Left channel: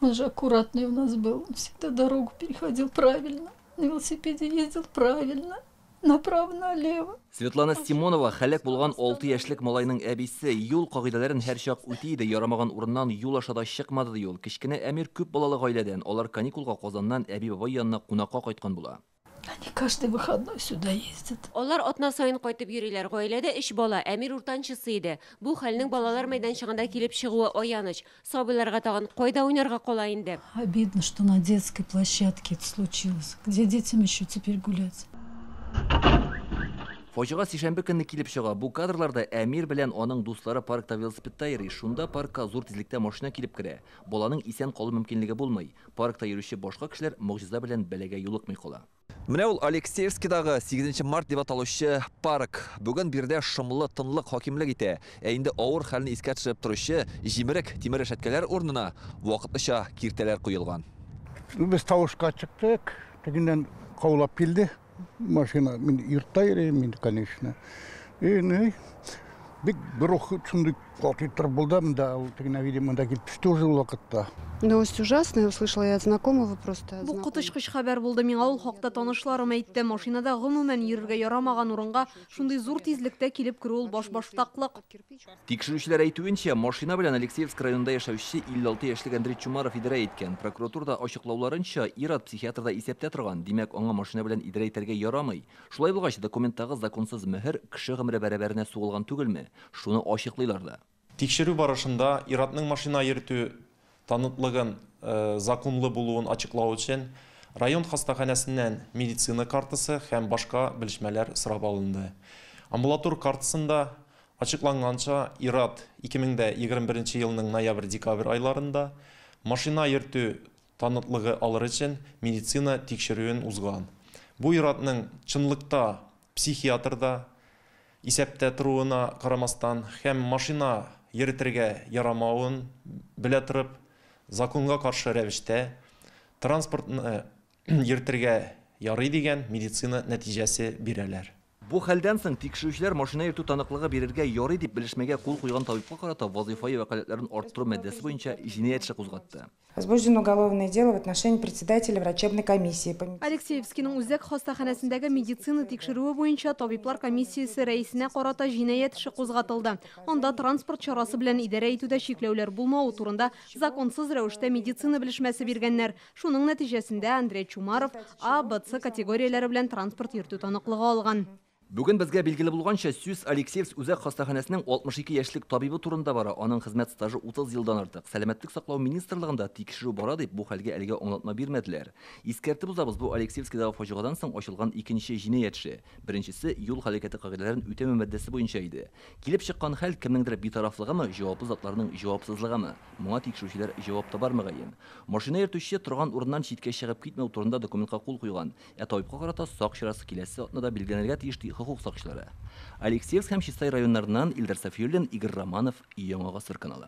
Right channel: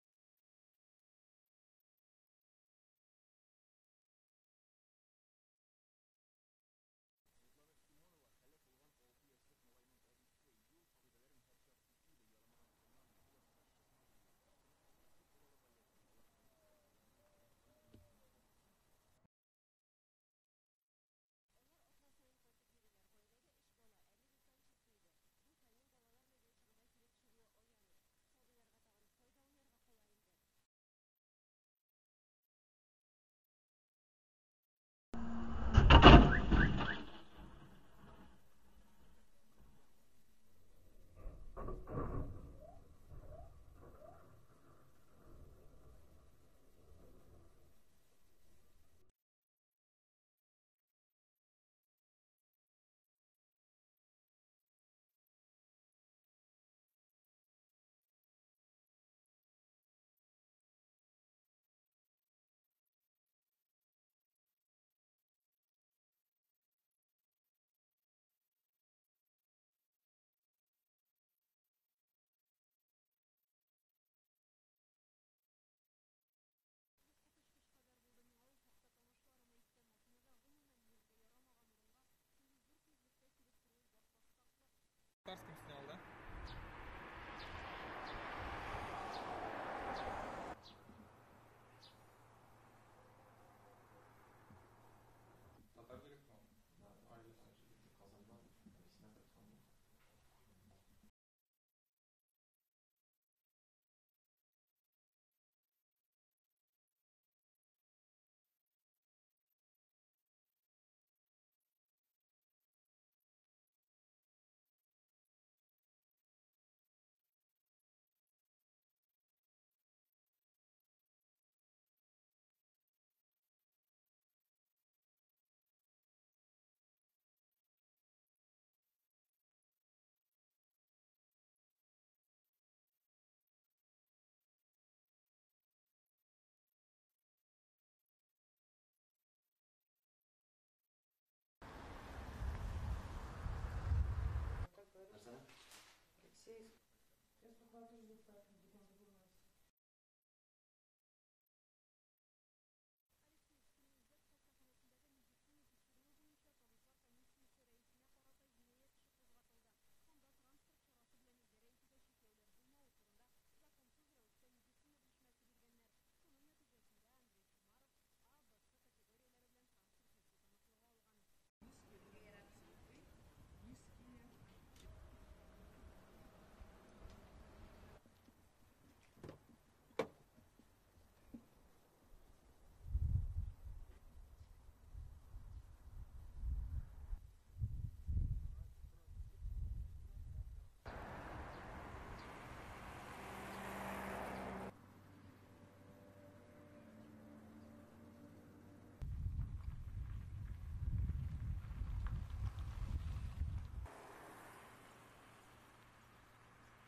Он же аккуратный у нас был, он всегда дорогу переходил правильно, на велосипеде ездил правильно, направо-налево. Светлана Симонова хәлек булган 6 яшьлек малайның әбисе юл кагыйдәләрен һәр чак үти иде, ярамаган урыннан юл ашада чыкмады ди ул. Кечкенә Әмир күп балалы гаиләдән, алар каникулга Казаннан әби-бабай янына кунакка кайткан була. Они каждый выходной сюда ездят. Алар атна сайын кайтып йөриләр. Гаиләдә 3 бала, Әмир уртанчысы иде. Бу хәлнең балалар мәйданчыгында килеп чыгуы аяныч. Сабыйларга тагын кайда уйнарга кала инде. Обидно, что на детской площадке это случилось. Где детям еще теперь гулять? Фаҗига сишәмбе көнне килеп чыга. Бу кадрларда Әмир белән аның дуслары паркта велосипедта йөри. Шунда паркка зур тизлектә машина килеп керә. Баланың исән калу мөмкинлеге булмый. Паркта йөрүче башка кешеләр могҗиза белән бәләгә юлыкмый кала. Менә ул Алексеевскидагы 8 март дип аталучы парк. Бүген бирдә шомлы тынлык хакимлек итә. Ә инде авыр хәлне искә төшереп торучы җимерек тимер рәшәткәләр урынына вакытлыча киртәләр куелган. Без тавышка чыктык, тегеннән каулап килде. Машина мен йортта йөрим, конечно. Бик бирох шундый катытыр булды, да, ул тегенә видимо да килеп төште уже вакытта. Новость ужасная, услышала я от знакомого просто. Бу котышкыч хәбәр булды. Миңа ул хакта танышларым әйтте. Машинада гомумән йөрергә ярамаган урынга шундый зур тизлектә килеп керү ул баш-баштаклык. Тикшерүчеләр әйтүенчә, машина белән Алексеевск районында яшәүче 56 яшьлек Андрей Чумаров идәрә иткән. Прокуратурада ачыклауларынча, ир-ат психиатрда исәптә торган. Димәк, аңа машина белән идәрә итәргә ярамый. Шулай булгач, документтагы законсыз мөһер кеше гомере бәрабәренә сугылган түгелме? Шуны ачыклыйлар да. Тикшерү барышында ир-атның машина йөртү танытлыгын законлы булуын ачыклау өчен район хастаханәсеннән медицина картасы һәм башка белешмәләр сорап алынды. Амбулатур картасында ачыкланганча, ир-ат 2021 елның ноябрь-декабрь айларында машина йөртү танытлыгы алыр өчен медицина тикшерүен узган. Бу ир-атның чынлыкта психиатрда исәптә торуына карамастан һәм машина йөртергә ярамавын белә торып, законга каршы рәвештә транспортны йөртергә ярый дигән медицина нәтиҗәсе бирәләр. Бу хәлдән соң тикшерүчеләр машина йөртү таныклыгы бирергә ярый дип белешмәгә кул куйган табибка карата вазифа вәкаләтләрен арттыру мәддәсе буенча җинаять эше кузгатты. Возбуждено уголовное дело в отношении председателя врачебной комиссии. Алексеевскийның үзәк хастаханәсендәге медицина тикшерүе буенча табиблар комиссиясе рәисенә карата җинаять эше кузгатылды. Анда транспорт чарасы белән идарә итүдә чикләүләр булмау турында законсыз рәвештә медицина белешмәсе биргәннәр. Шуның нәтиҗәсендә Андрей Чумаров А, Б, С категорияләре белән транспорт йөртү таныклыгы алган. Бүген безгә билгеле булганча, сүз Алексеевск үзәк хастаханәсенең 62 яшьлек табибы турында бара. Аның хезмәт стажы 30 елдан артык. Сәламәтлек саклау министрлыгында тикшерү бара дип бу хәлгә әлегә аңлатма бирмәделәр. Искәртеп узабыз, бу Алексеевскидагы фаҗигадан соң ачылган икенче җинаять эше. Беренчесе юл хәрәкәте кагыйдәләрен үтәмәү мәддәсе буенча иде. Килеп чыккан хәл кемнеңдер битарафлыгымы, җаваплы затларның җавапсызлыгымы? Моңа тикшерүчеләр җавап табар мөгаен. Машина йөртүче торган урыннан читкә чыгып китмәү турында документка кул куйган. Табибка карата сак чарасы киләсе атнада билгеләнергә тиеш ди хокук сакчылары. Алексеевск һәм Чистай районнарыннан Илдар Сафиуллин, Игорь Романов, Яңа Гасыр каналы.